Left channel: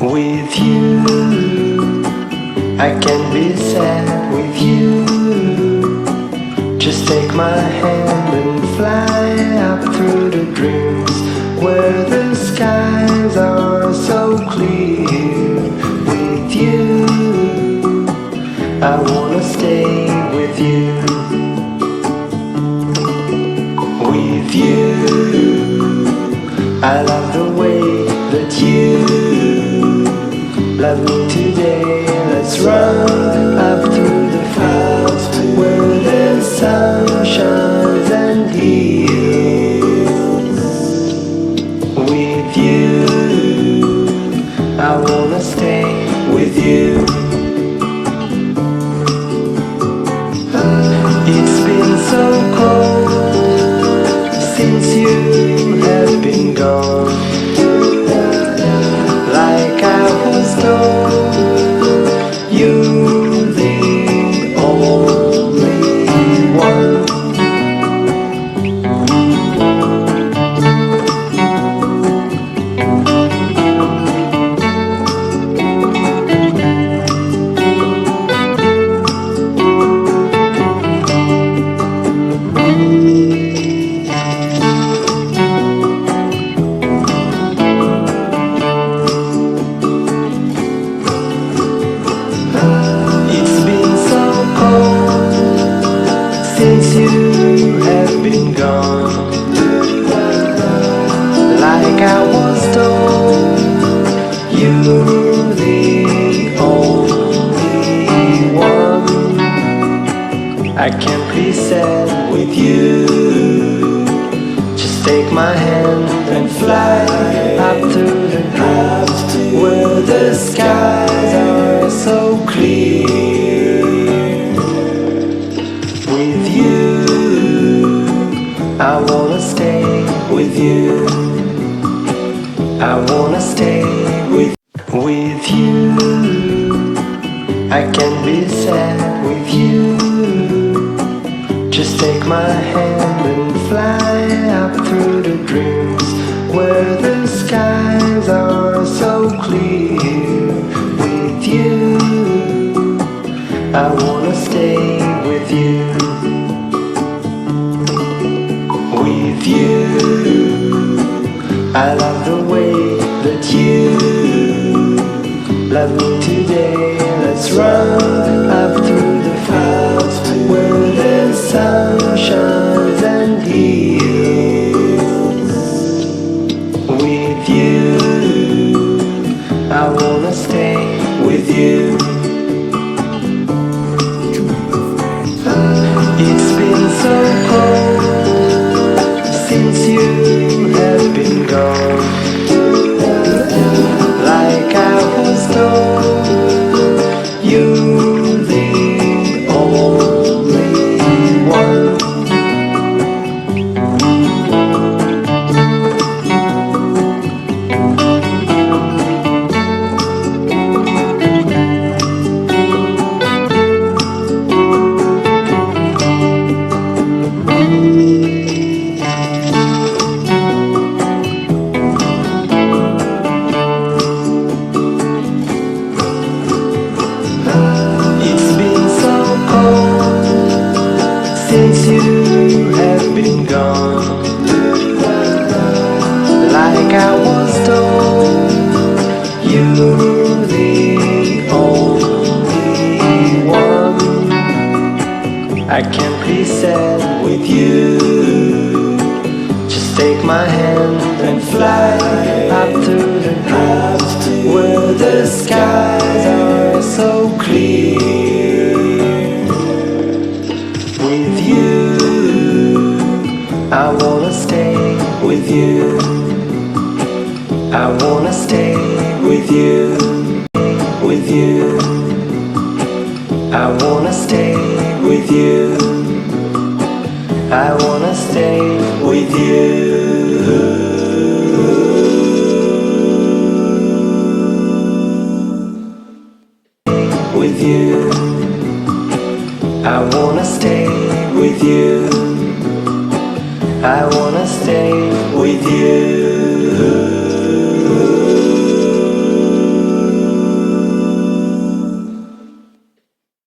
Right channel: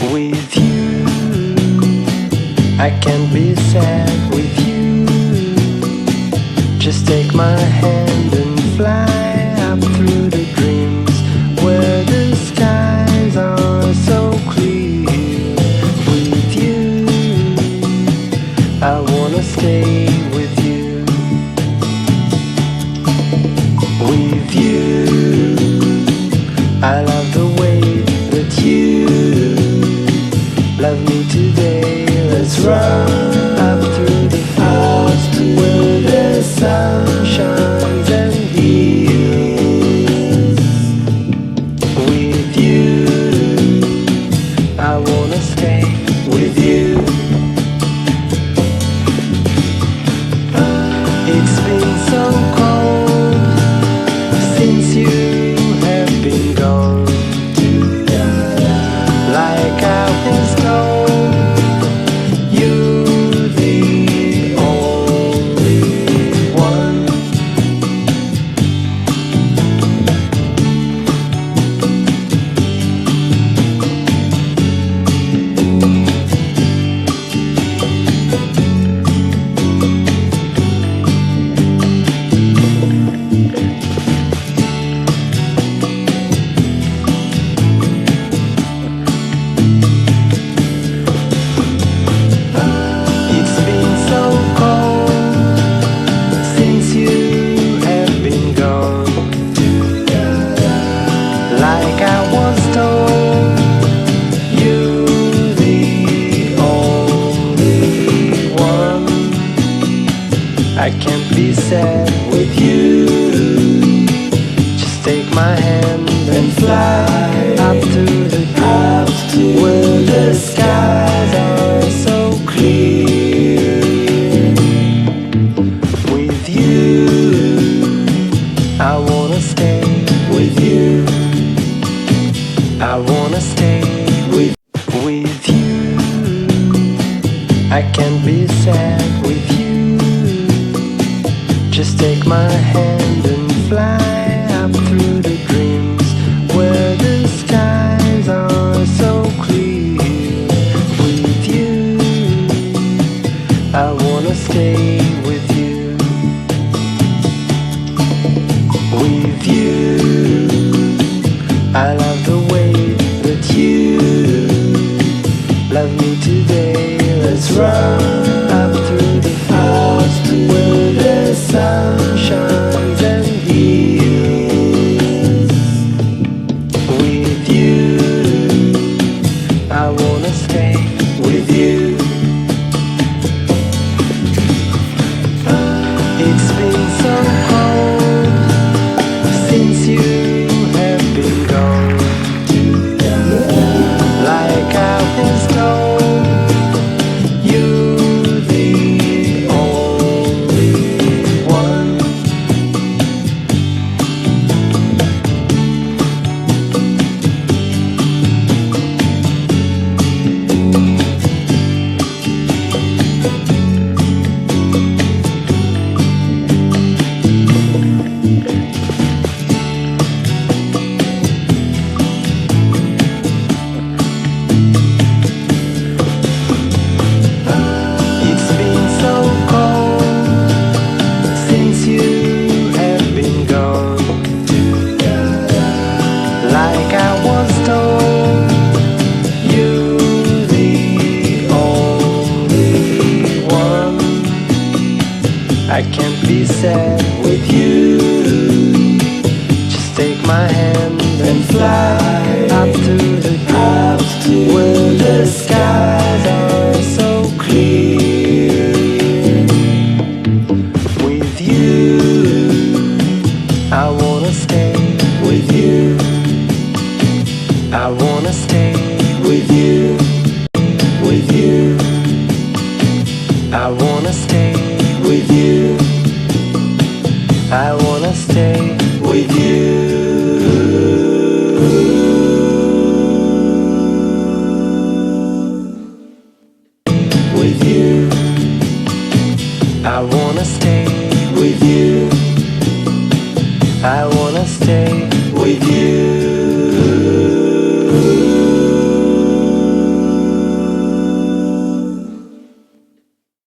With you, I can't be sad with you. Just take my hand and fly up through the dreams where the skies are so clear. With you, I wanna stay with you. With you, I love the way that you love me today. Let's run up through the fields where the sun shines and heals. With you, I wanna stay with you. It's been so cold since you have been gone. Like I was told, you're the only one. Since you have been gone, like I was told, you're the only one. I can't be sad with you. Just take my hand and fly up to the dreams where the skies are so clear. With you, I wanna stay with you. I wanna stay with you. I can't be sad with you. Just take my hand and fly up through the dreams where the skies are so clear. With you, I wanna stay with you. With you, I love the way that you love me today. Let's run up through the fields where the sun shines and heals. With you, I wanna stay with you. It's been so cold since you have been gone. Like I was told, you're the only one. Since you have been gone, like I was told, you're the only one. I can't be sad with you. Just take my hand and fly up to the dreams where the skies are so clear. With you, I wanna stay with you. I wanna stay with you. With you, I wanna stay with you. I wanna stay with you. With you, I wanna stay with you. I wanna stay with you.